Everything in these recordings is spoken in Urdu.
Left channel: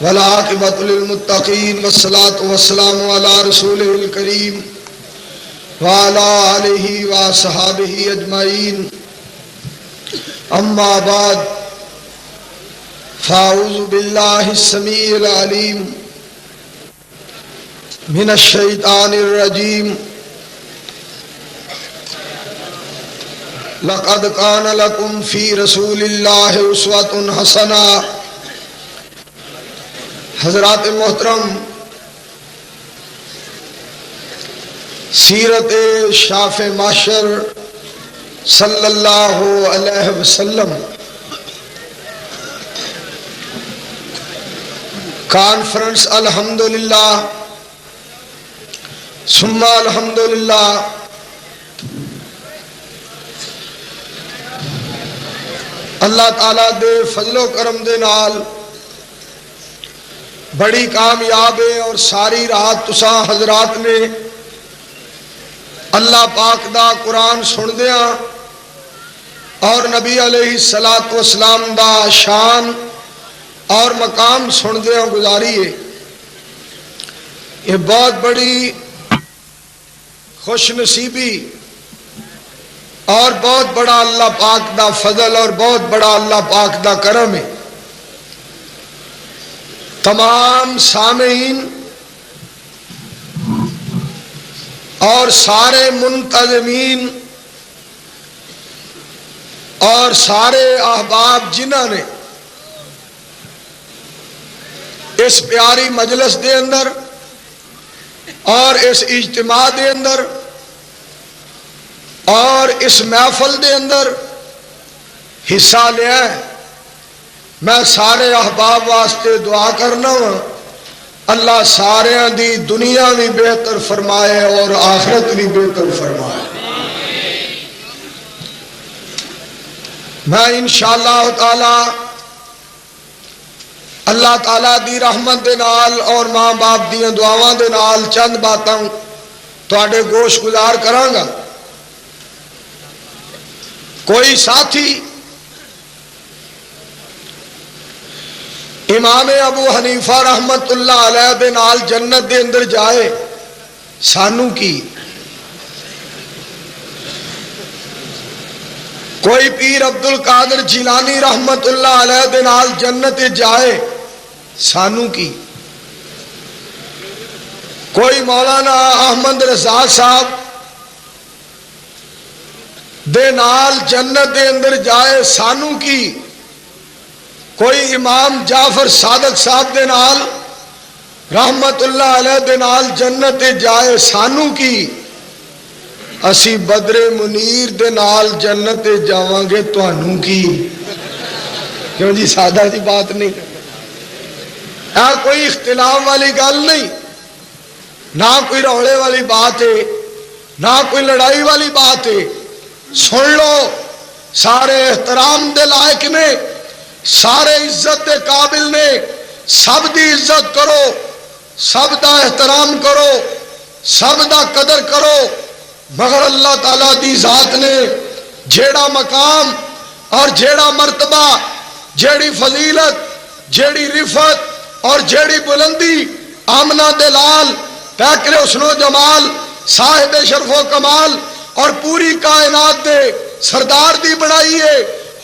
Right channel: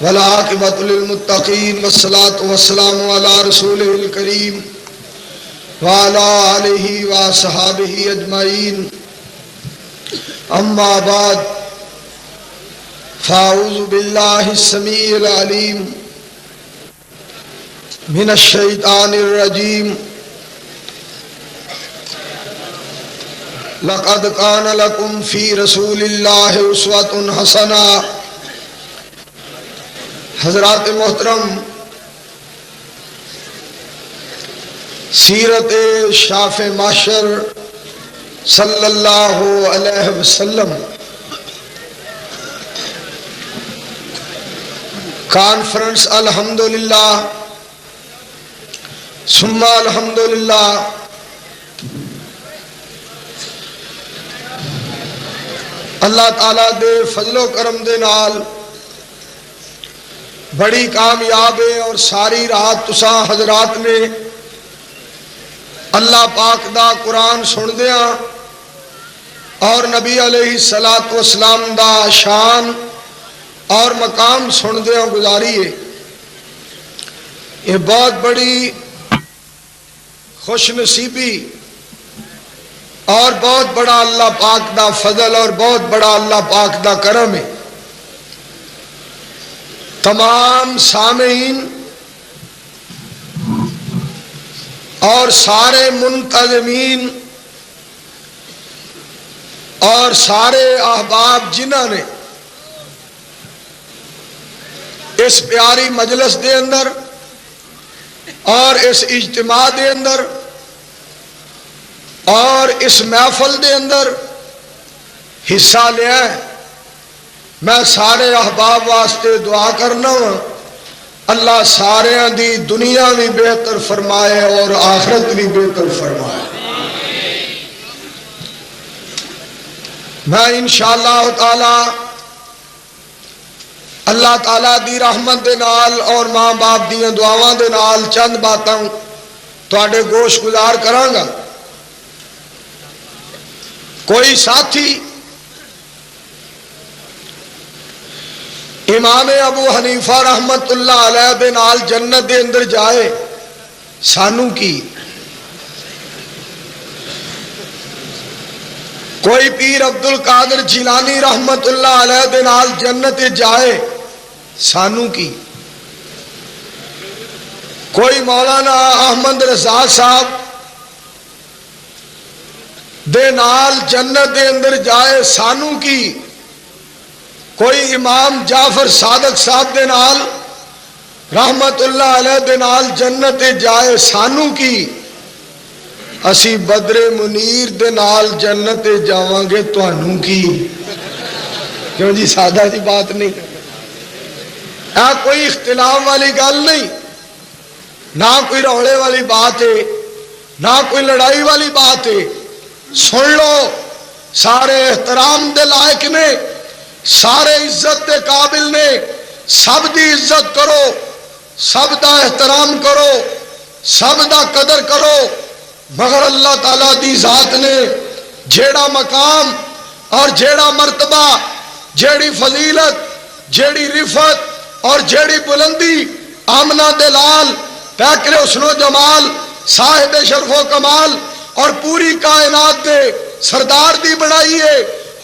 والعاقبۃ للمتقین والصلاة والسلام علی رسولہ الکریم وعلی آلہ وصحبہ اجمعین، اما بعد، فاعوذ باللہ السمیع العلیم من الشیطان الرجیم، لقد کان لکم فی رسول اللہ اسوۃ حسنہ۔ حضرات محترم، سیرت شاف معشر صلی اللہ علیہ وسلم کانفرنس الحمدللہ ثم الحمدللہ اللہ تعالیٰ دے فضل و کرم دے نال بڑی کامیاب ہے، اور ساری رات تسا حضرات نے اللہ پاک دا قرآن سن دیا اور نبی علیہ الصلوۃ والسلام دا شان اور مقام سن دیا گزاری ہے۔ یہ بہت بڑی خوش نصیبی اور بہت بڑا اللہ پاک دا فضل اور بہت بڑا اللہ پاک دا کرم ہے۔ تمام سامعین اور سارے منتظمین اور سارے احباب جنہوں نے اس پیاری مجلس دے اندر اور اس اجتماع دے اندر اور اس محفل دے اندر حصہ لیا ہے، میں سارے احباب واسطے دعا کرنا، اللہ سارے دی دنیا بھی بہتر فرمائے اور آخرت بھی بہتر فرمائے۔ میں انشاءاللہ تعالی اللہ تعالیٰ دی رحمت دے نال اور ماں باپ دی دعاواں دے نال چند باتاں تواڈے گوش گزار کراں گا۔ کوئی ساتھی امام ابو حنیفہ رحمت اللہ علیہ دے نال جنت دے اندر جائے، سانو کی؟ کوئی پیر عبد القادر جیلانی رحمت اللہ علیہ دے نال جنت جائے، سانو کی؟ کوئی مولانا احمد رضا صاحب دے نال جنت دے اندر جائے، سانو کی؟ کوئی امام جعفر صادق صاحب دے نال رحمت اللہ علیہ دے نال جنت جائے، سانو کی؟ اسی بدر منیر دے نال جنت جاواں گے، تانوں کی؟ کیوں جی، سادہ کی بات نہیں، کوئی اختلاف والی گل نہیں، نہ کوئی روڑے والی بات ہے، نہ کوئی لڑائی والی بات ہے۔ سن لو، سارے احترام دے لائق نے، سارے عزت دے قابل نے، سب دی عزت کرو، سب دا احترام کرو، سب دا قدر کرو، مگر اللہ تعالیٰ دی ذات نے جیڑا مقام اور جیڑا مرتبہ، جیڑی فضیلت، جیڑی رفعت اور جیڑی بلندی آمنہ دلال پیکر حسن و جمال صاحب شرف و کمال اور پوری کائنات دے سردار دی بنائی ہے،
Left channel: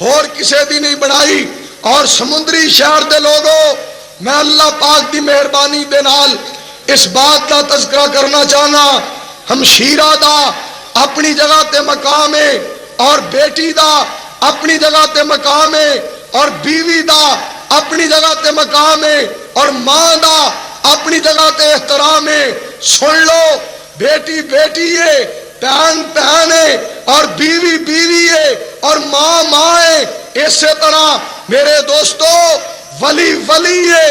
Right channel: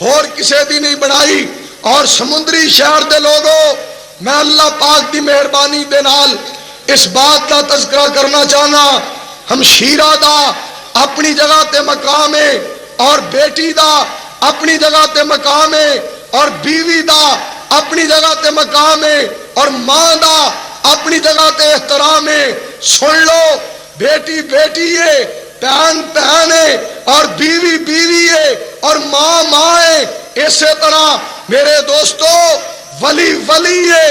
اور کسے بھی نہیں بنائی۔ اور سمندری شہر دے لوگوں، میں اللہ پاک دی مہربانی دے نال اس بات کا تذکرہ کرنا چاہنا، ہمشیرہ دا اپنی جگہ تے مقام ہے، اور بیٹی دا اپنی جگہ تے مقام ہے، اور بیوی دا اپنی جگہ تے مقام ہے، اور ماں دا اپنی جگہ تے احترام ہے۔ سن لو، بیٹی بیٹی ہے، بہن بہن ہے، اور بیوی بیوی ہے، اور ماں ماں ہے۔ اسی طرح میرے دوستو، ولی ولی ہے،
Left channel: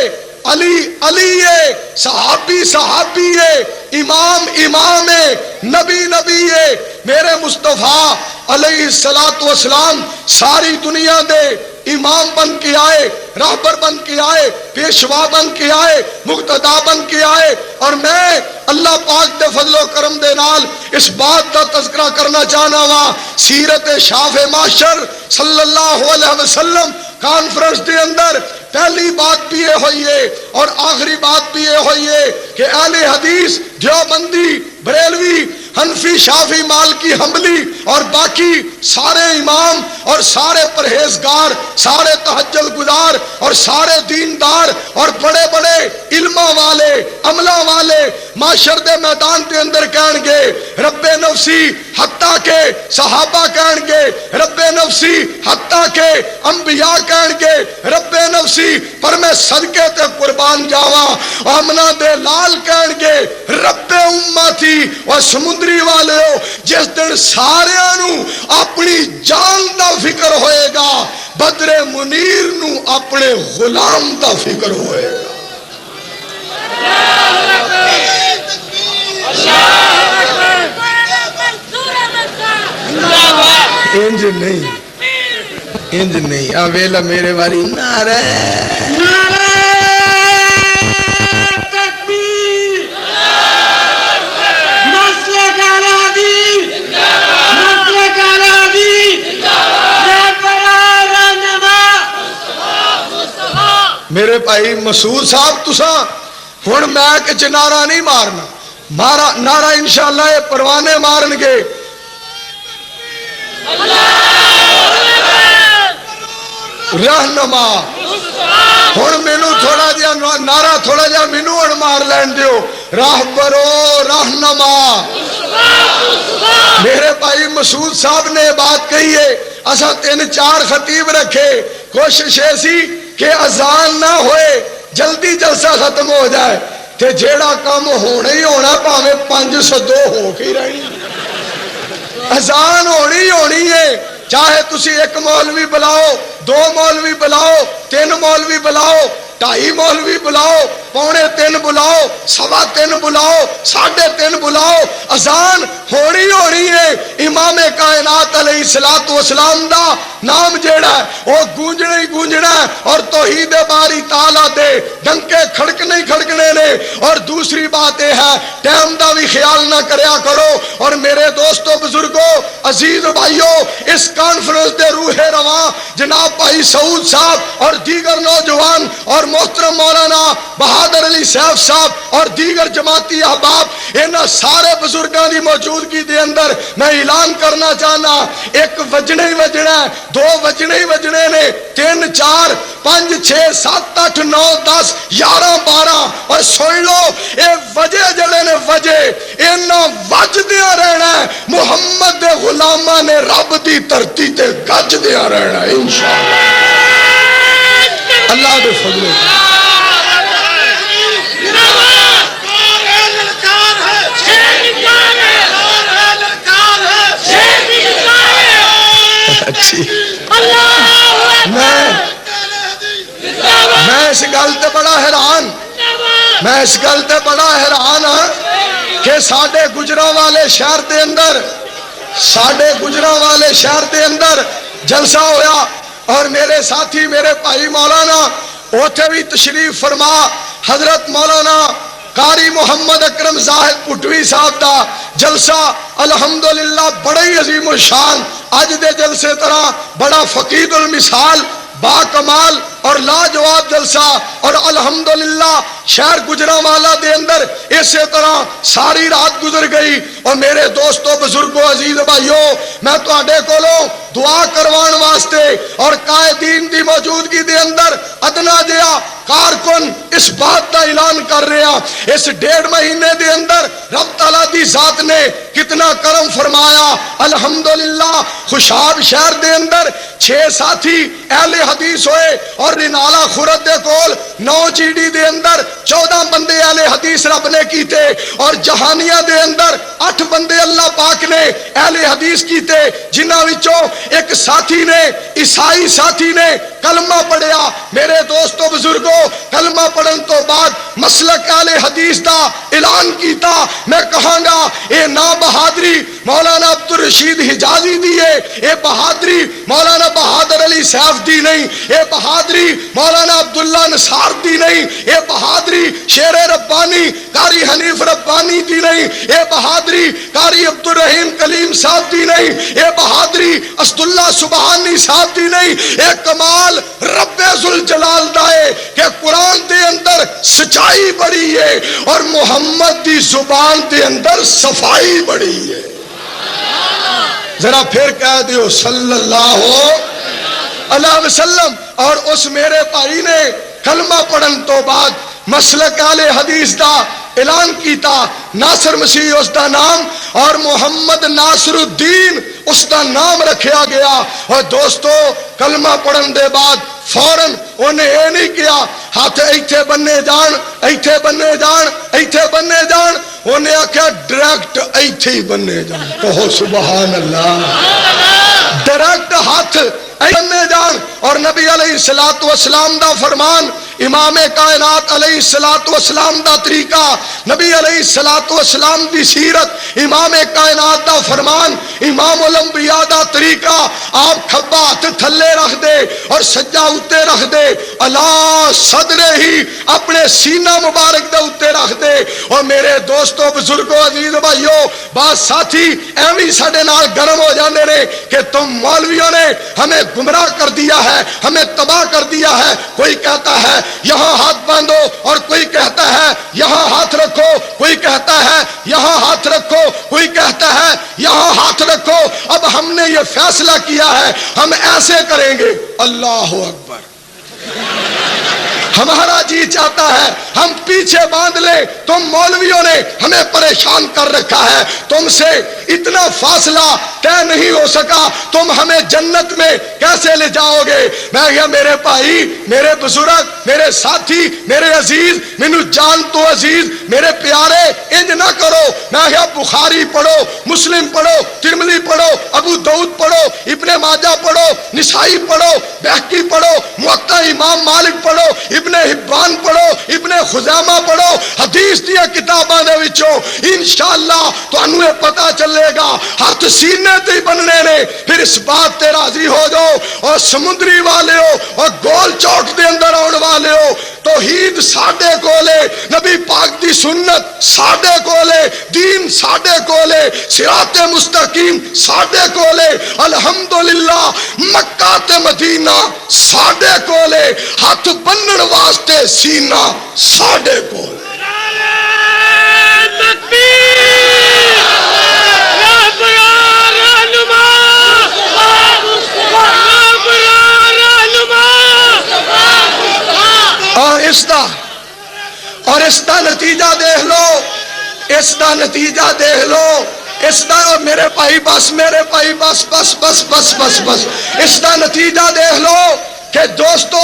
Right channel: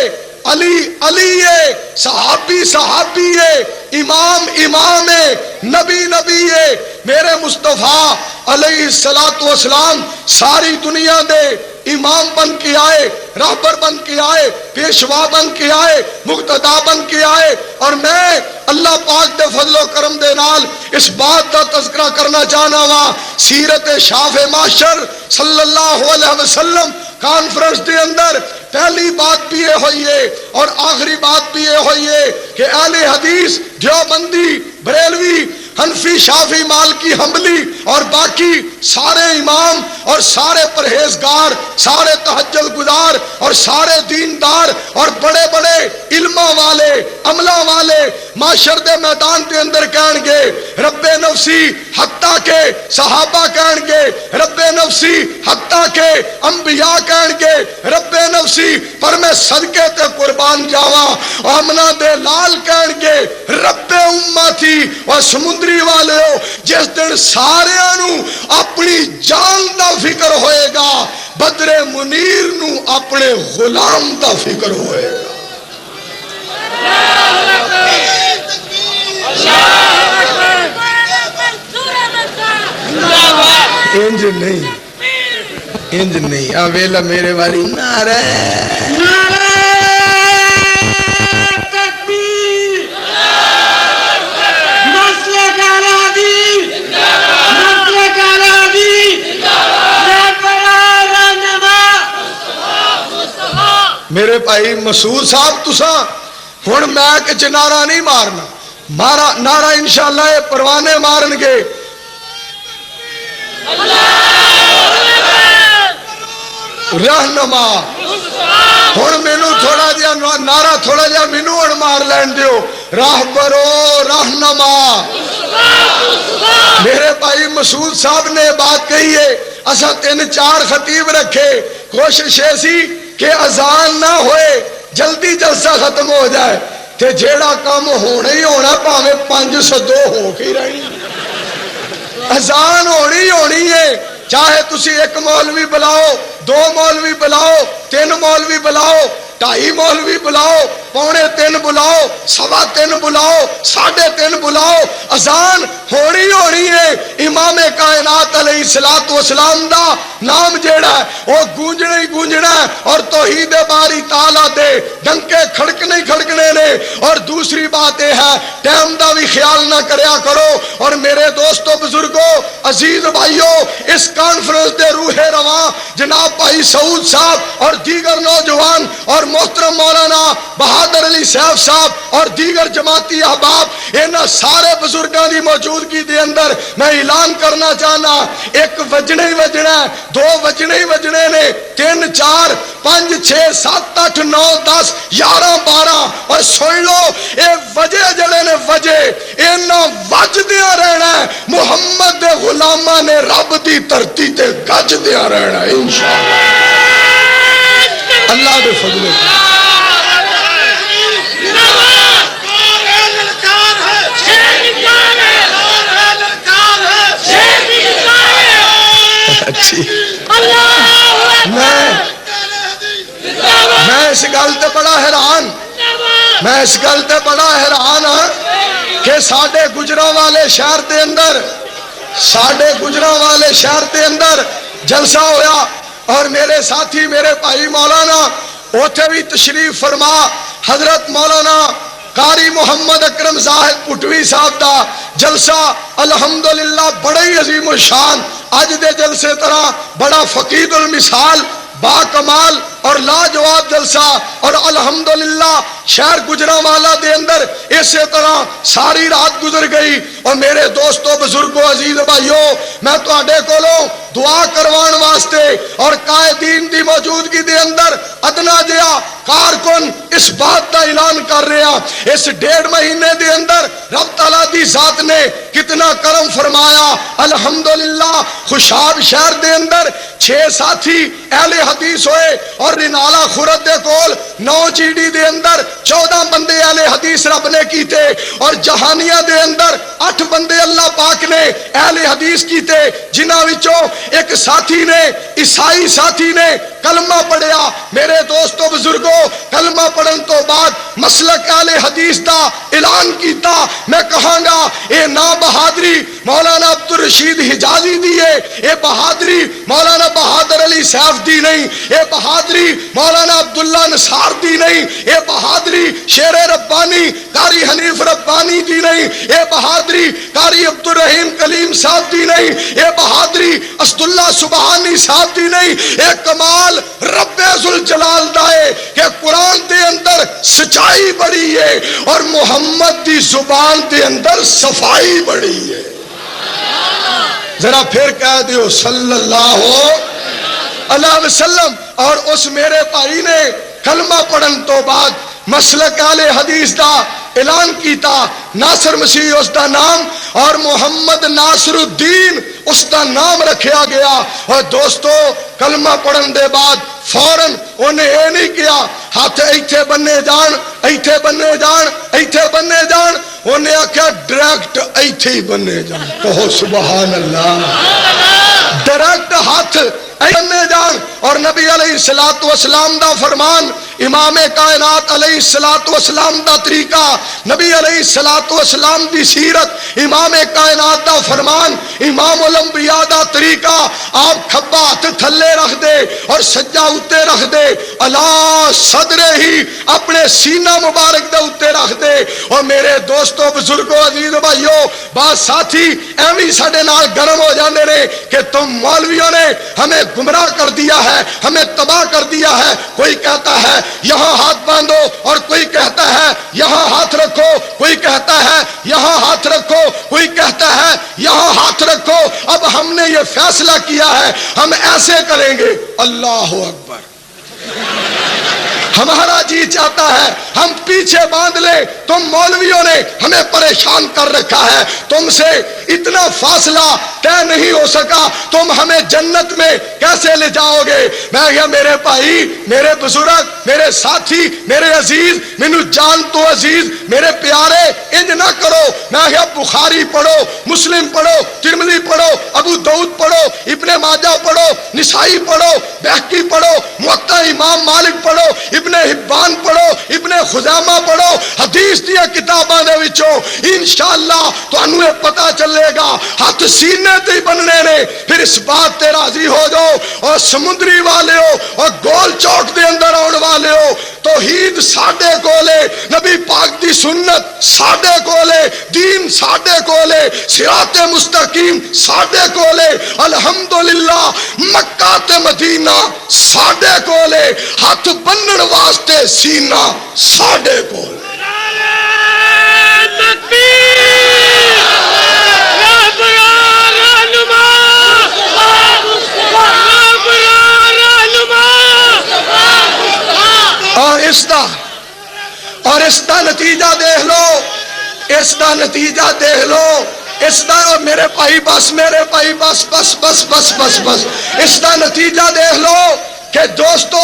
علی علی ہے، صحابی صحابی ہے، امام امام ہے، نبی نبی ہے۔ میرے مصطفیٰ علیہ الصلوۃ والسلام ساری دنیا دے امام بن کے آئے، راہبر بن کے آئے، پیشوا بن کے آئے، مقتدا بن کے آئے، اور میں اللہ پاک دے فضل و کرم دے نال اس بات کا تذکرہ کرنا چاہنا وا، سیرت شاف معاشر صلی اللہ علیہ وسلم کانفرنس دے اندر پہلی بات بھی یہ ہوئی ہے اور آخری بات بھی یہ ہوئی ہے کہ اہل حدیث دیوبندی بریلوی حنفی شافی مالکی حنبلی اور باقی سارے امام اور سارے پرہیزگار سارے تہجد گزار اور سارے دیندار اور بڑے بڑے علماء والے عملہ والے معاشر دے میدان کے اندر کہن گے رب نفسی حتیٰ کہ صحابہ کہن گے رب نفسی حتیٰ کہ انبیاء کہن گے رب نفسی پر میں صدقے تے قربان جاواں امنا دے لال کہن گے رب امتی اور سمندری والے جس دن سارے نو اپنی جان دا فکر ہوئے گا بدر منیر نو اپنے غلام دا فکر ہوئے گا انج نہیں آویلا میرے والی نعرہ میرے بھائی مسعود صاحب تساں ہن میں کہ نعرہ نہیں مارنا نعرہ انشاءاللہ پروانے مارن گے رہنما ہن مینوں تھوڑا جہا نعرہ تھوڑا جہا مینوں ہن مار لین دیو راہبرو رہنما میرے بھائی مسعود صاحب نے بات کہی ہے اساں 3-4 خطیب رکھے کوشش ایسی کہ اذان نہ ہوئے جلدی جلسہ ختم ہو جائے تو جیڑا کام ہونا ہی ہونا پاویں 502 ہو کے رہی اذان ہونی ہے چاہے تسی ایک مولوی بلاؤ 2 مولوی بلاؤ 3 مولوی بلاؤ 2.5 مولوی بلاؤ 2.25 بلاؤ 3.25 بلاؤ 3.5 بلاؤ اذان ہونی ہے امام کائنات علیہ الصلوۃ والسلام دا نام جیڑا ہے وہ گونجنا ہی گونجنا ہے اور توحید باری تعالیٰ دے ڈنکے کھڑکنے نے اور دوسری بات یہ ہے ٹائم دا بھی خیال نہ کریا کرو اور میرے دوستوں بزرگوں عزیز بھائیوں اس کانفرنس دے روح رواں جناب بھائی سعود صاحب اور دیگر نوجوان اور محترم مولانا بہادر علی صاحب صاحب اور دیگر جماعتی احباب انہاں سارے بزرگاں دی موجودگی دے اندر میں اعلان کرنا چاہنا 1 بجنے ہی بجنا ہے 2 بجنے ہی بجنے نے 3 4 5 6 7 8 9 10 11 12 اور سن لو اے وجے جڑے نے وجے انہاں وجدیا رہنا محمد دے غلاماں نے رب دی دھرتی تے گجدیا رہنا انشاءاللہ اللہ دے فضل اچھی میں اس گل تے بڑا حیران ہاں کہ ساڈے گجرانوالے شہر دے اندر جلسہ ہویا اور میرے ساتھی میرے بھائی مولانا اوتھے بھی تشریف فرما حضرت مولانا قاری محمد اکرم صاحب کٹوی صاحب دا جلسہ الحمدللہ بڑے عظیم الشان اج دے جلسے طرح بڑا فقید المثال با کمال اور لاجواب جلسہ اور الحمدللہ شہر گجرانوالہ دے اندر اسی طرح ساری رات گزر گئی اور میرے دوستوں بزرگوں عزیز بھائیوں میں تہاڈے کولوں دعا کروان واسطے اور قائدین دی موجودگی دے اندر ادنا جہا کارکن اس بات کا اعلان کر رہا اس 1.5 مہینے دے اندر رب تعالیٰ دی ذات نے کتنا کرم فرمایا الحمدللہ خوشاب شہر دے اندر 6 ساتھی اہل حدیث ہوئے اور رنالا خورد دے کول 9 چیڑی دے اندر 14 بندے اہل حدیث رب نے کیتے اور جہانیہ دے اندر 8 بندے اللہ پاک نے اہل حدیث کیتے جنہاں وچوں ایک ساتھی نے عیسائی ساتھی نے کلمہ پڑھیا میرے دوستوں بزرگوں کلمہ پڑھن تو بعد مسلک اہل حدیث دا علاج اعلان کیتا میں کہاں گا اے نا بہادری مولانا عبدالرشید حجازی دیے، اے بہادری مولانا بہادر علی صاحب دی نہیں، اے بہادری مولانا عبداللہ نصار دی نہیں، اے بہادری شیر ربانی قاری حنیف ربانی دی نہیں، اے بہادری قاری عبدالرحیم کلیم صاحب دی نہیں، اے بہادری اسد اللہ سبحانی صاحب دی نہیں، اے کمال رب ذوالجلال دا ہے کہ قرآن دے اندر سچائی بڑی ہے اور محمد دی زبان دے اندر صفائی بڑی ہے۔ ذرا پھر کہہ دیو صلی اللہ علیہ وسلم۔ اور اس میرے بھائی نے کلمہ پڑھن تو بعد مسلک اہل حدیث دا اعلان کیتا، ناصر مسیح اس دا نام اور محمد ناصر الدین اس دا نام رکھیا گیا۔ اور دوستو کلمہ پڑھن دے بعد فوراً انہیں یہ نہیں کیا ہاتھ ایتھے بننے جان، ایتھے بننے جان، ایتھے بننے جان، انہیں آکھیا ڈائریکٹ ایتھے بننے جان۔ کہو سبحان اللہ، ڈائریکٹ ہاتھ بننے جان۔ اور نبی علیہ السلام دا فرمان، امام کائنات علیہ السلام دا طریقہ، نبی علیہ السلام دی سیرت، امام کائنات دا فرمان، امام الانبیاء دا طریقہ، آپ کھبا ہاتھ تھلے رکھ دے اور سجا اتے رکھ دے، اللہ صدرے ہی اپنے سینہ مبارک دے اتے رکھ دے۔ اور میرے دوستو بزرگوں عزیز بھائیوں بات ساتھی ایویں ساڈے نال گرم ہو جاندے نے کہ تم مولویوں نے ہمیں گمراہ کر دیا ہے، ہمیں تباہ کر دیا ہے۔ کوئی کہتا ہے یہاں ہاتھ باندھو اور کوئی کہتا ہے یہاں ہاتھ رکھو، کوئی کہتا ہے یہاں ہاتھ رکھو، کوئی کہتا ہے یہاں ہاتھ رکھو۔ اب ہم نے یہ فیصلہ کیا ہے ہم ایسے کریں گے۔ اللہ اکبر، ہمارا جی چاہتا ہے ہم پیچھے باندھ لیں، تم مولویوں نے ہمیں پریشان کر رکھا ہے، تم سے اتنا فاصلہ کیا نہیں ہو سکا، تم ہمیں جنت میں کیسے لے جاؤ گے؟ میں یہ میرے بھائی، میرے بزرگ، میرے ساتھی، میرے عزیز، مینو جان تو عزیز، میرے پیارے، انج نہ کرو۔ میں یہ بخاری پڑھو، مسلم پڑھو، ترمذی پڑھو، ابو داؤد پڑھو، ابن ماجہ پڑھو، نسائی پڑھو، بہقی پڑھو، موطا امام مالک پڑھو، ابن حبان پڑھو، ابن خزیمہ پڑھو، حدیث دی کتاباں دے وچوں انشاءاللہ تانوں یہ پتہ چلے گا ہاتھ سینے تے بننے نے۔ پھر اس بات تے راضی ہو جاؤ اور سمندری والے ہو اور گول چوک دے اندر آن والے ہو، توحید ساڈے کولے، نبی پاک دی سنت ساڈے کولے، دین ساڈے کولے، صراط مستقیم ساڈے کولے، الحمدللہ مکہ تے مدینہ ساڈے کولے، ہاتھ بنن واسطے سینہ ساڈے کولے۔ اور اس کا نتیجہ دیکھ لو، اس کا نتیجہ دیکھ لو، اس کا میرے بھائی بس، میرے بھائی بس بس بس بس بس بس، اس کا نتیجہ دیکھ لو کہ دوستو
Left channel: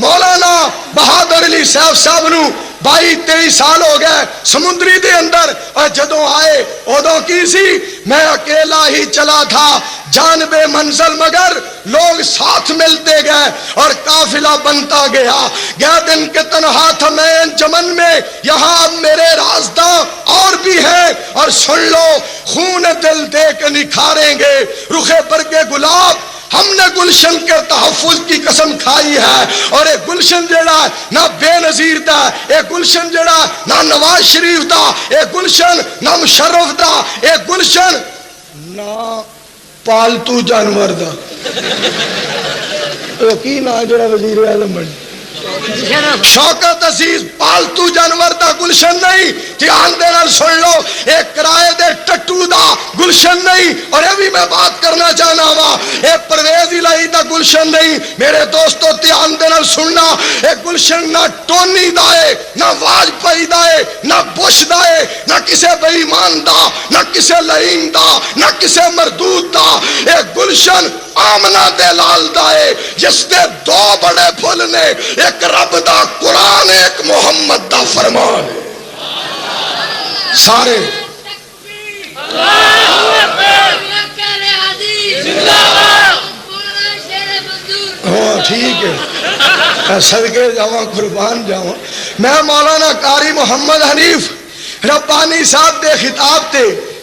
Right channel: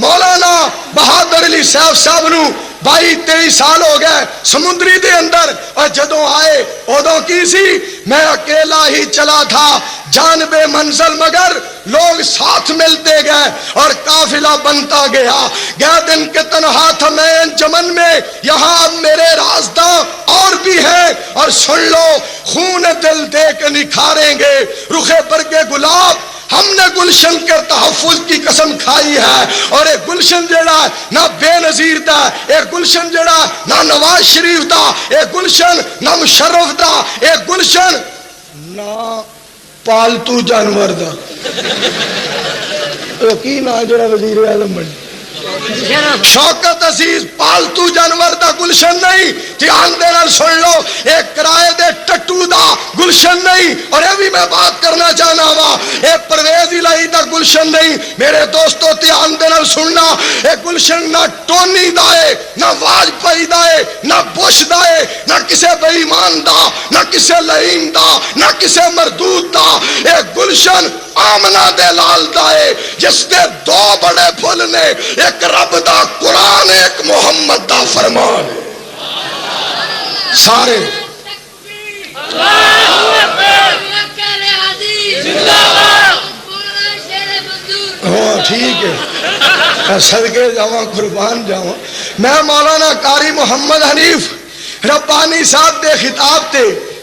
مولانا بہادر علی صاحب نو 22-23 سال ہو گئے سمندری دے اندر، اور جدوں آئے ادو کی سی میں اکیلا ہی چلا تھا جانب منزل، مگر لوگ ساتھ ملتے گئے اور قافلہ بنتا گیا۔ گیا دن کے تنہا تھا میں انجمن میں، یہاں میرے راستہ اور بھی ہیں، اور سن لو خون دل دے کے نکھاریں گے رخے برگے گلاب، ہم نے گلشن کے تحفظ کی قسم کھائی ہے۔ اور ایک گلشن جڑا نہ بے نظیر دا، ایک گلشن جڑا نہ نواز شریف دا، ایک گلشن نہ مشرف دا، ایک گلشن نہ پالتو جانور دا۔ تو کی نہ جڑا وزیر اعظم شوکت عزیز پالتو جانور دا گلشن نہیں، دھیان دے نال سن لو، ایک کرائے دے ٹٹو دا گلشن نہیں، اور ابھی میں بات کرنا چاہنا وا ایک پرویز الہی دا گلشن نہیں۔ میرے دوستو دھیان دے نال سننا، ایک گلشن نہ ٹونی دا ہے، نہ واجپئی دا ہے، نہ بش دا ہے، نہ کسے بے ایمان دا، نہ کسے لعین دا، نہ کسے مردود دا، ایک گلشن آمنہ دے لال دا ہے جس کے دو بڑے پھول نے، ایک رب دا قرآن، ایک محمد دا فرمان۔ سارے ٹھیک ہے، صدقے جاواں قربان جاواں۔ میں مولانا قاری محمد حنیف ربانی صاحب دے خطاب تے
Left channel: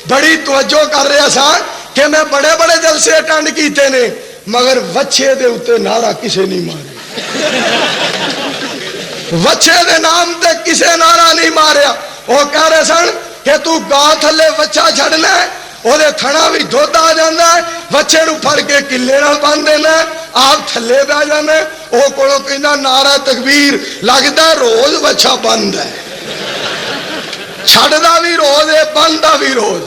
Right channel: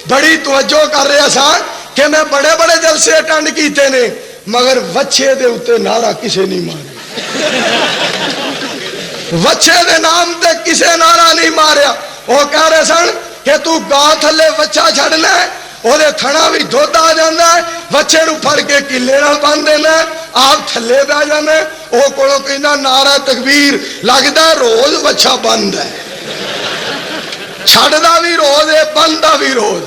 بڑی توجہ کر رہے سن کہ میں بڑے بڑے جلسے اٹینڈ کیتے نے مگر وچھے دے اوتے نعرہ کسے نہیں ماریا، وچھے دے نام تے کسے نعرہ نہیں ماریا۔ وہ کہہ رہے سن کہ تو گاں تھلے وچھا چھڑنا ہے، وہ تھڑا بھی دھد آ جانا ہے، بچے نو پھڑ کے کلے نال بن دینا، آپ تھلے پہ جانا، وہ کولو کہنا نعرہ تکبیر، لگتا روز بچہ بند ہے، چھڑنا بھی روز ہے بندہ بھی روز۔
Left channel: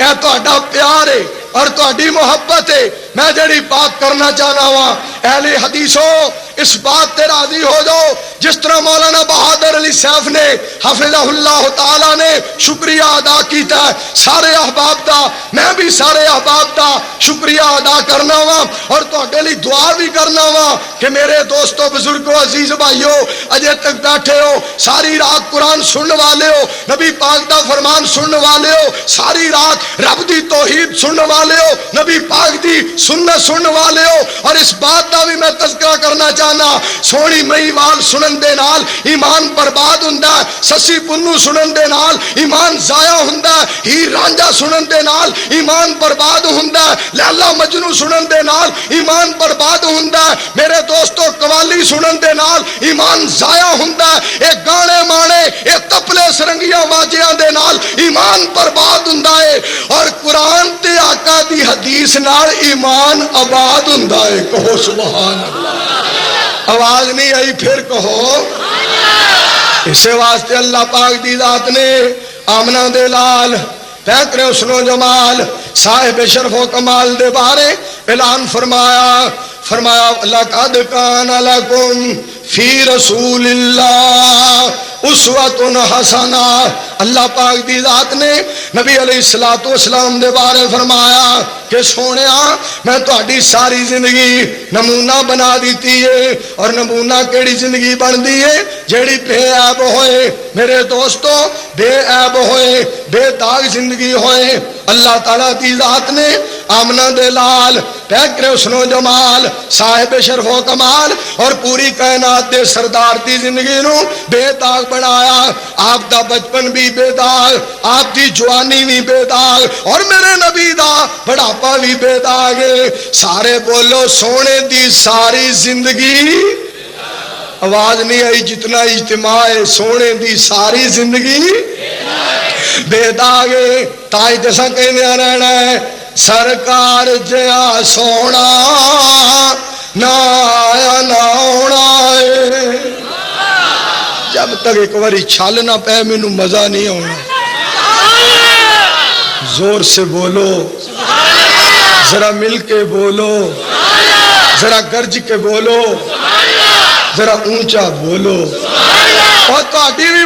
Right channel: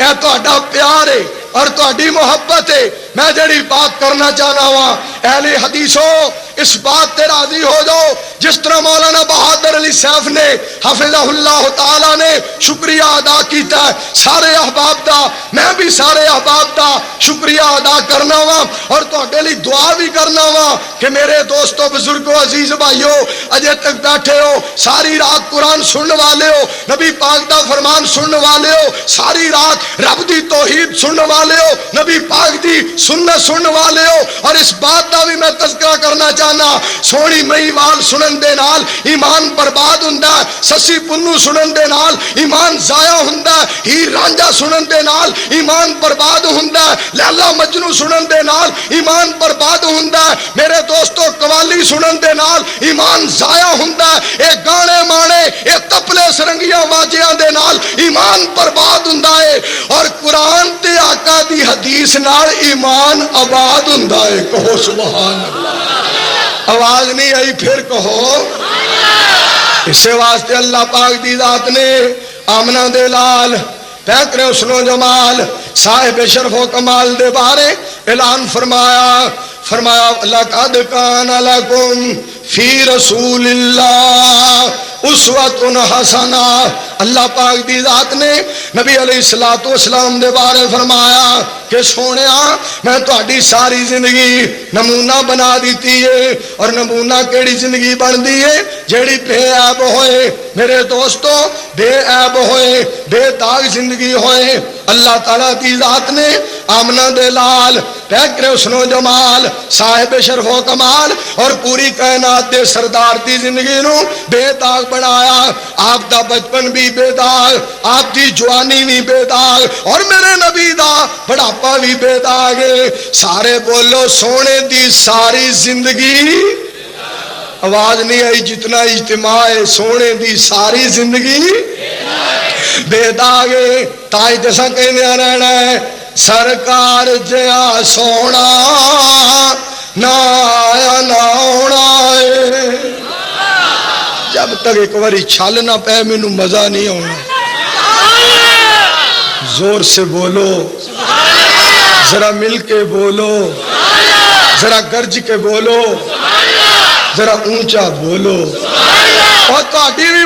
یہ تہاڈا پیار ہے اور تہاڈی محبت ہے۔ میں جڑی بات کرنا چاہنا وا اہل حدیثوں اس بات تے راضی ہو جاؤ جس طرح مولانا بہادر علی صاحب نے حفظہ اللہ تعالی نے شکریہ ادا کیتا ہے سارے احباب دا، میں بھی سارے احباب دا شکریہ ادا کرنا وا اور تہاڈے لئی دعا بھی کرنا وا کہ میرے دوستو بزرگو عزیز بھائیو اجے تک بیٹھے ہو، ساری رات قرآن سننے والے ہو، نبی پاک دا فرمان سننے والے ہو، ساری رات رب دی توحید سننے والے ہو، نبی پاک دی سنت سننے والے ہو، اور اس بات دا بھی میں تذکرہ کرنا چاہنا سونی مہیوال سنن دے نال ایمان برباد ہوندا، سسی پنو سنن دے نال ایمان ضائع ہوندا، ہی رانجھا سنن دے نال ایمان برباد ہوندا، لیلا مجنو سنن دے نال ایمان برباد ہوندا، میرے دوستو قوالی سنن دے نال ایمان ضائع ہوندا، اے گانے مانے اے تپلے سرنگیاں ماجیاں دے نال ایمان برباد ہوندا ہے، اور قرآن تے آقا دی حدیث نال ایمان آباد ہوندا ہے۔ کہو سبحان اللہ، آواز نہیں آئی پھر کہو۔ اسے واسطے اللہ پاک دی ذات نے آمنہ دے لال بہتر حسن و جمال صاحب شرف و کمال دے بارے اعلان فرمایا، لقد کان لکم فی رسول اللہ اسوۃ حسنہ۔ اللہ پاک دی ذات نے نبی علیہ الصلوۃ والسلام دے بارے فرمایا کہ سونیا میں تہاڈی ساری زندگی نمونہ بنا دیتی ہے، اور نمونہ کیڑی زندگی بندی ہے جیڑی بے عیب ہوئے، میرے دوستو بے عیب ہوئے، بے داغ زندگی ہوئے۔ اللہ تعالیٰ دی ذات نے آمنہ دے لال پیکر حسن و جمال صاحب شرف و کمال اور پوری کائنات دے سردار دی زندگی نو بے داغ بنایا۔ آپ دا بچپن بھی بے داغ، آپ دی جوانی بھی بے داغ، اور میرے نبی دا بڑھاپا بھی بے داغ ہے۔ سارے بولو سونے دی ساری زندگی، آواز نہیں آئی جتنا اجتماع ہے، سونے دی ساری زندگی بے داغ ہے۔ تائی جیسا کہنے رہنا ہے سرکار جیا سونا نہ ہونا ہے، جب تک ایک باری چھال نہ پہ مینو مزہ نہیں ہونا۔ زور سے بولو، ذرا مل کے بولو، ذرا گرج کے بولو، ذرا اونچا بولو، اور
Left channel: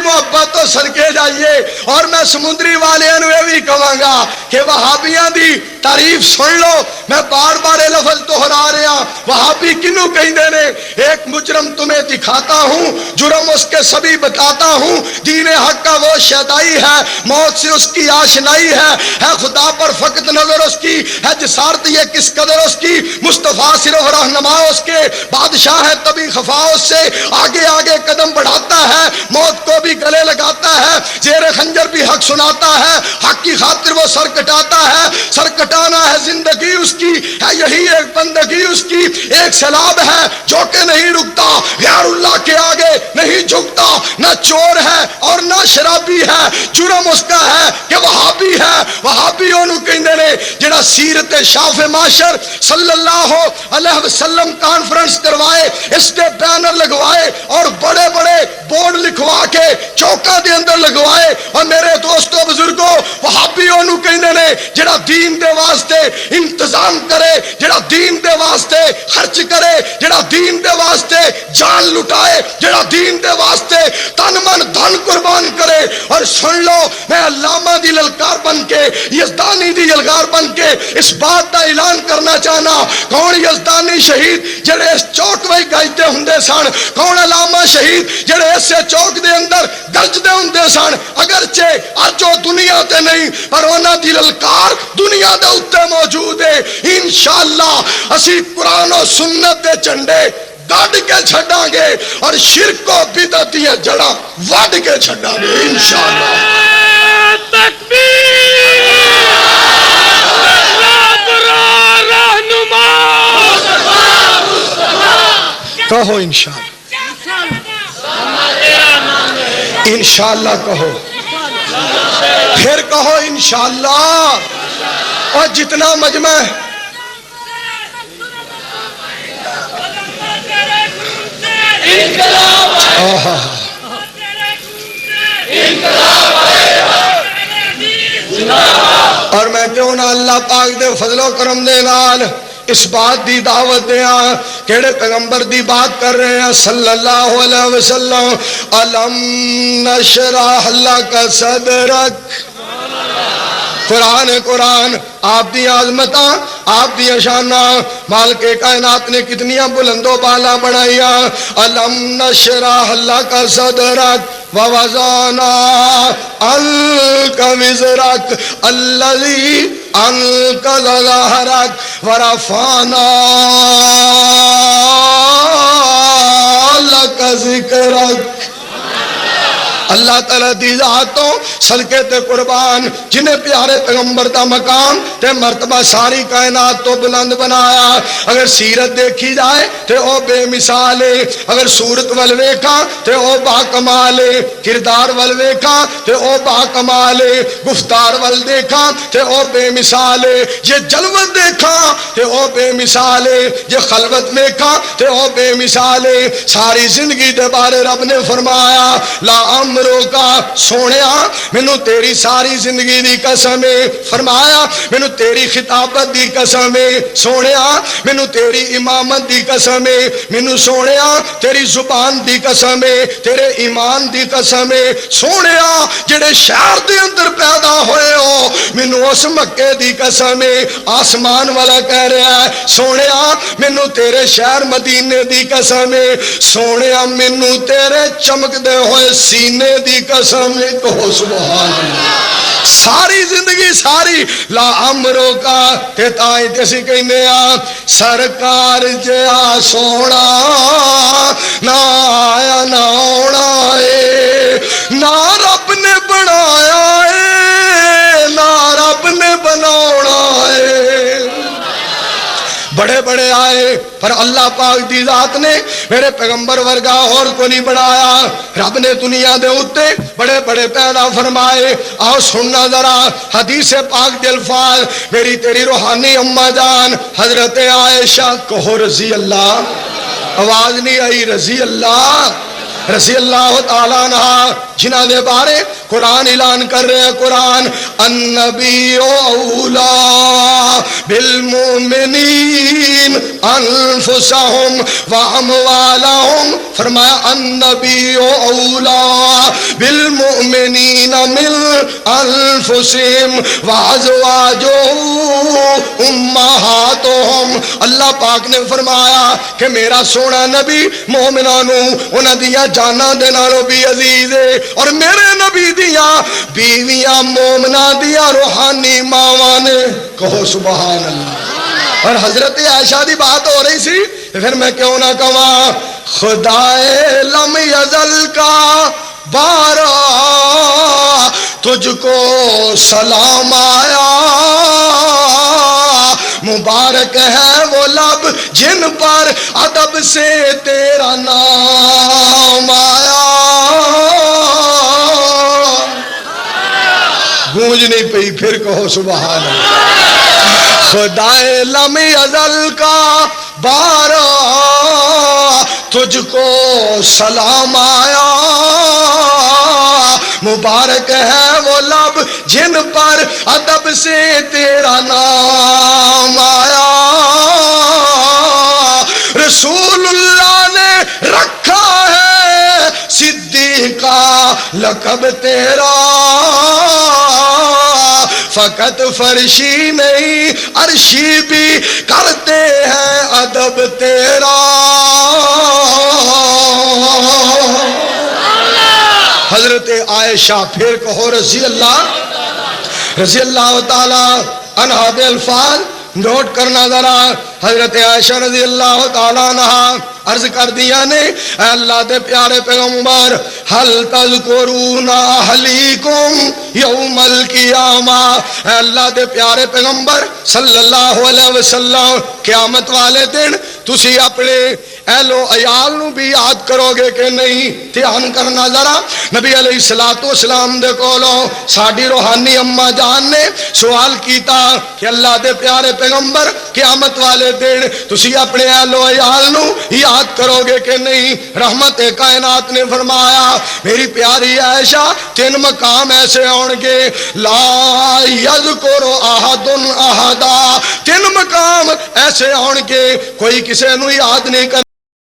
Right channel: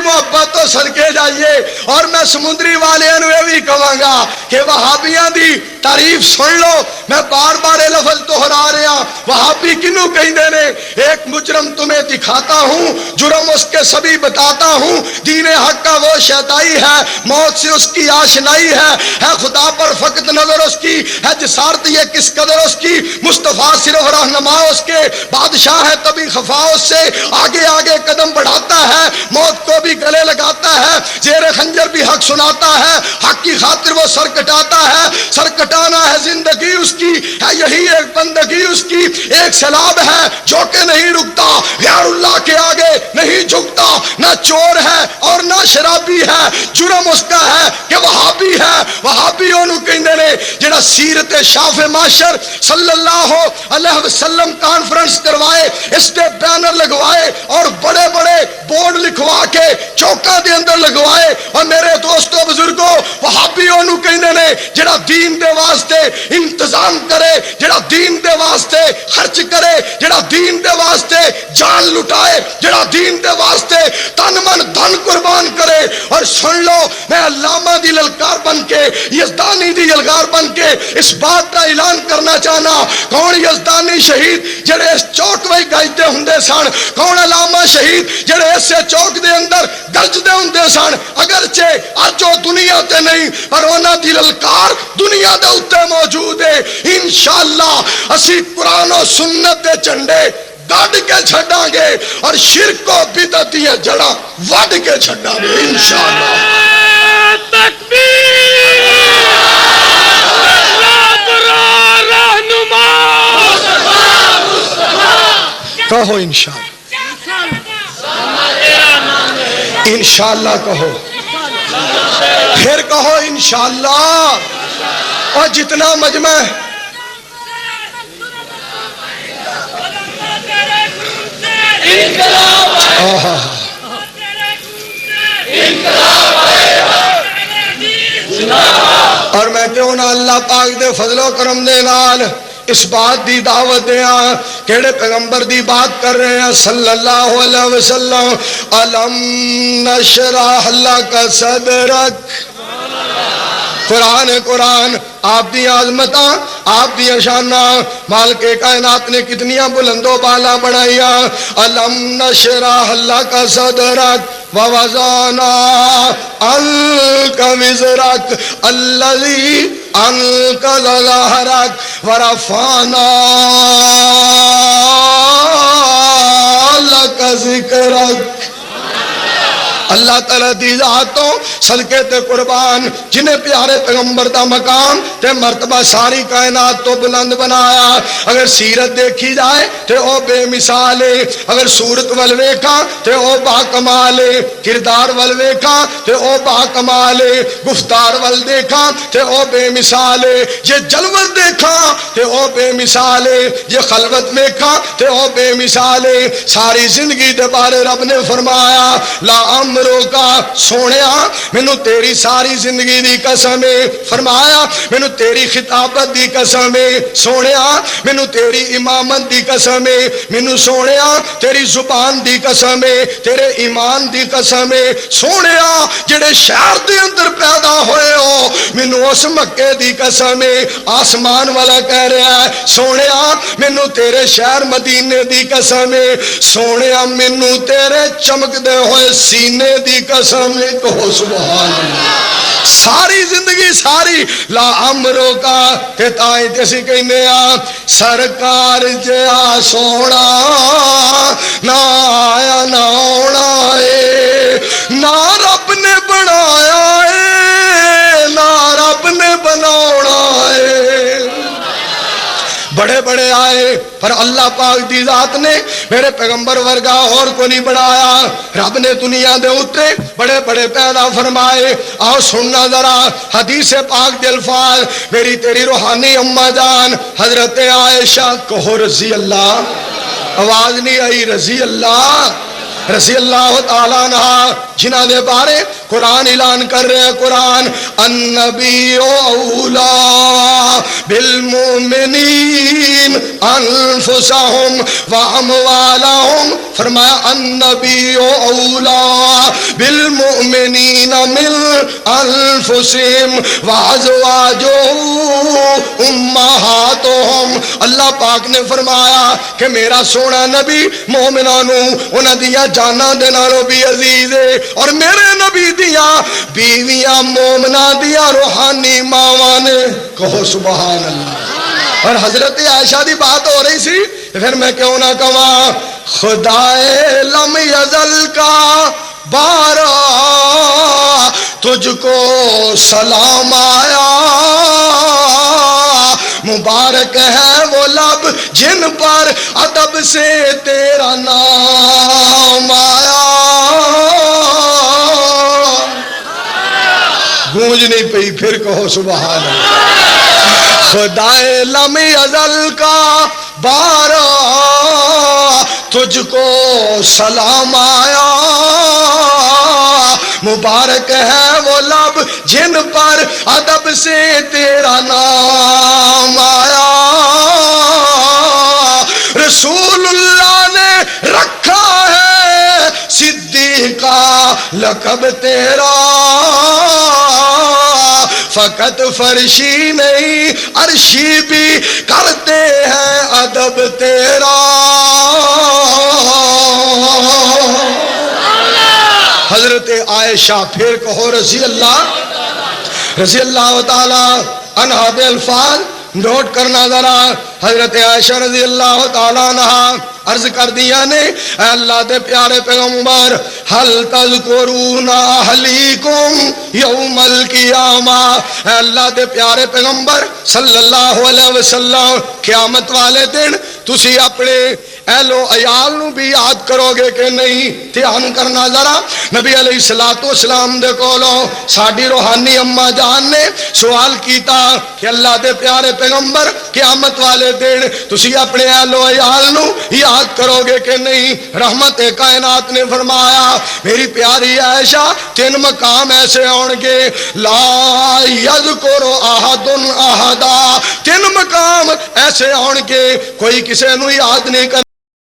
محبت تو صدقے جائیے۔ اور میں سمندری والے یہ بھی کہوں گا کہ وہابیاں دی تعریف سن لو، میں بار بار یہ لفظ دہرا رہا، وہابی کنوں کہندے نے؟ ایک مجرم تمہیں دکھاتا ہوں، جرم اس کے سبھی بتاتا ہوں، دین حق کا وہ شیدائی ہے، موت سے اس کی آشنائی ہے خدا پر فقط نظر اس کی ہے، جسارت یہ کس قدر اس کی، مصطفیٰ صرف رہنما اس کے، بادشاہ ہے تبھی خفا اس سے، آگے آگے قدم بڑھاتا ہے، موت کو بھی گلے لگاتا ہے، زیر خنجر بھی حق سناتا ہے، حق کی خاطر وہ سر کٹاتا ہے، سر کٹانا ہے زندگی اس کی، ہے یہی ایک بندگی اس کی، ایک سیلاب ہے جو کہ نہیں رکتا، غیر اللہ کے آگے نہیں جھکتا، نہ چور ہے اور نہ شرابی ہے، جرم اس کا ہے کہ وہابی ہے۔ وہابی انہوں کہندے نے جنہاں سیرت شاف معاشر صلی اللہ علیہ وسلم کانفرنس کروائے، اس کے بینر لگوائے اور بڑے بڑے بورڈ لکھوا کے چوکا دے اندر لگوائے، اور میرے دوستو بزرگوں وہابی انہوں کہندے نے جڑا دین دے واسطے انتظام کرے، جڑا دین دے واسطے خرچ کرے، جڑا دین دے واسطے جان لٹائے، جڑا دین دے واسطے تن من دھن قربان کرے۔ اور سن لو میں علامہ دی للکار بن کے، یزدانی دی للکار بن کے اس بات کا اعلان کرنا چاہنا، کون یزدانی شہید جڑے اس چوک میں گائتے ہندے سن، کون علامہ شہید جڑے اس چوک دے اندر گرجدے ہندے سن، اگرچہ اج وہ دنیا تے نہیں پر انہاں دی للکار دنیا دے اوتے موجود ہے۔ انشاءاللہ اسی قرآن و سنت دے جھنڈے گاڑ کے چھڑاں گے اور شرک و بدعت دی جڑاں وڈ کے چھڑاں گے انشاءاللہ۔ نبی رہنما کہو انشاءاللہ انشاءاللہ کہو پھر کہو انشاءاللہ اور جتنا مجمع اور میں کیوں نہ اللہ پاک دے فضل و کرم دے نال اس بات دی دعوت دیاں کیڑے پیغمبر دی بات کر رہے ہیں صلی اللہ علیہ وسلم الم نشرح لک صدرک قرآن آپ دی عظمت ہے آپ دی شانہ مالک کائنات نے کتنیاں بلند و بالا بڑھائیا الم نشرح لک صدرک ووضعنا عنک وزرک الذی انقض ظہرک ورفعنا لک ذکرک اللہ تعالیٰ دی ذات تو صدقے تے قربان جنہیں پیارے پیغمبر دا مقام تے مرتبہ ساری کائنات تو بلند بنایا اگر سیرت دیکھی جائے تے او بے مثال ہے اگر صورت والویکا تے او با کمال ہے کردار والویکا تے او با کمال ہے گفتار والدیکھا تے او بے مثال ہے یہ جلوت دیکھا تے او بے مثال ہے یہ خلوت دیکھا تے او بے مثال ہے ساری زندگی دے بارے رب نے فرمایا لا عمرو کا سونیا مینوں تیری ساری زندگی دی قسم ہے فرمایا مینوں تیری خطابت دی قسم ہے سونیا مینوں تیری امامت دی قسم ہے مینوں سونیا تیری زبان دی قسم ہے تیرے ایمان دی قسم ہے سونیا جڑے شہر دے اندر پیدا ہوئے ہو مینوں اس مکے دی قسم ہے آسمان والا کہہ رہا ہے سونیا مینوں تیرے شہر مدینے دی قسم ہے سونیا مینوں تیرے چمکدے ہوئے سینے دی قسم ہے کہو سبحان اللہ ساری زندگی ساری لا عمرو کا ہتائیں جیسی کہنے سرکار جیا سونا نہ آیا نہ ہونا ہے نہ رب نے بنایا ہے نہ رب نے بنانا ہے بڑے بڑے آئے پر اللہ پاک دی ذات نے میرے پیغمبر ورگا اور کو نہیں بڑھایا رب نے دنیا دے اتے بڑے بڑے پیدا فرمائے آؤ سننا ذرا حدیث پاک دے الفاظ میری تیری روحانی اماں جان حضرت عائشہ کہو رضی اللہ آواز نہیں آئی رضی اللہ تعالیٰ عنہ جنہ دے بارے قرآن اعلان کر رہے قرآن النبی اولا بالمؤمنین انفسہم واموالہم فرمایا النبی اولا بالمؤمنین من انفسہم وازواجہ امہاتہم اللہ پاک نے فرمایا کہ میرا سونا نبی مومنانوں انہاں دیا جانا دے نالوں بھی عزیز ہے اور میرے نبی دیا بیویاں مومنہ دیا روحانی ماواں نے کہو سبحان اللہ اور حضرت عائشہ دی بات ہو رہی سی لیکن میں کیوں نہ کہاں خدائے لم یزل کا پارا تجھ کو سلام آیا مبارک ہے وہ لب جن پر ادب سے تیرا نام آیا گونج نہیں پئی پھر کہو سبحان اللہ خدائے لم ازل کا بارا تجھ کو سلام آیا مبارک ہے وہ لب جن پر ادب سے تیرا نام آیا رسول اللہ نے رکھا ہے صدیق کا لقب تیرا فقط فرشی نہیں عرشی بھی کرتے ہیں ادب تیرا حضرت عائشہ پھر کہو رضی اللہ تعالی عنہ بالفاظ نوٹ کرنا ذرا حضرت عائشہ رضی اللہ تعالیٰ عنہا عرض کر دیا نے اے اللہ دے پیارے پیغمبر حل تذکرون اہلیکم یوم القیامہ، اے اللہ دے پیارے پیغمبر صلی اللہ علیہ وسلم قیامت والے دن تسی اپنے اہل و عیال نو بھی یاد کرو گے کہ نہیں؟ دھیان کرنا ذرا نبی علیہ السلام دے کولوں ساڈی روحانی اما جان نے سوال کیتا کہ اللہ دے پیارے پیغمبر قیامت والے دن تسی اپنے اہل و عیال نو یاد کرو گے کہ نہیں؟ رحمت کائنات نے فرمایا میری پیاری عائشہ 3 مقام ایسے ہون گے لا یذکر احد احدا، 3 مقام ایسے ہون گے کوئی کسی نو یاد نہیں کر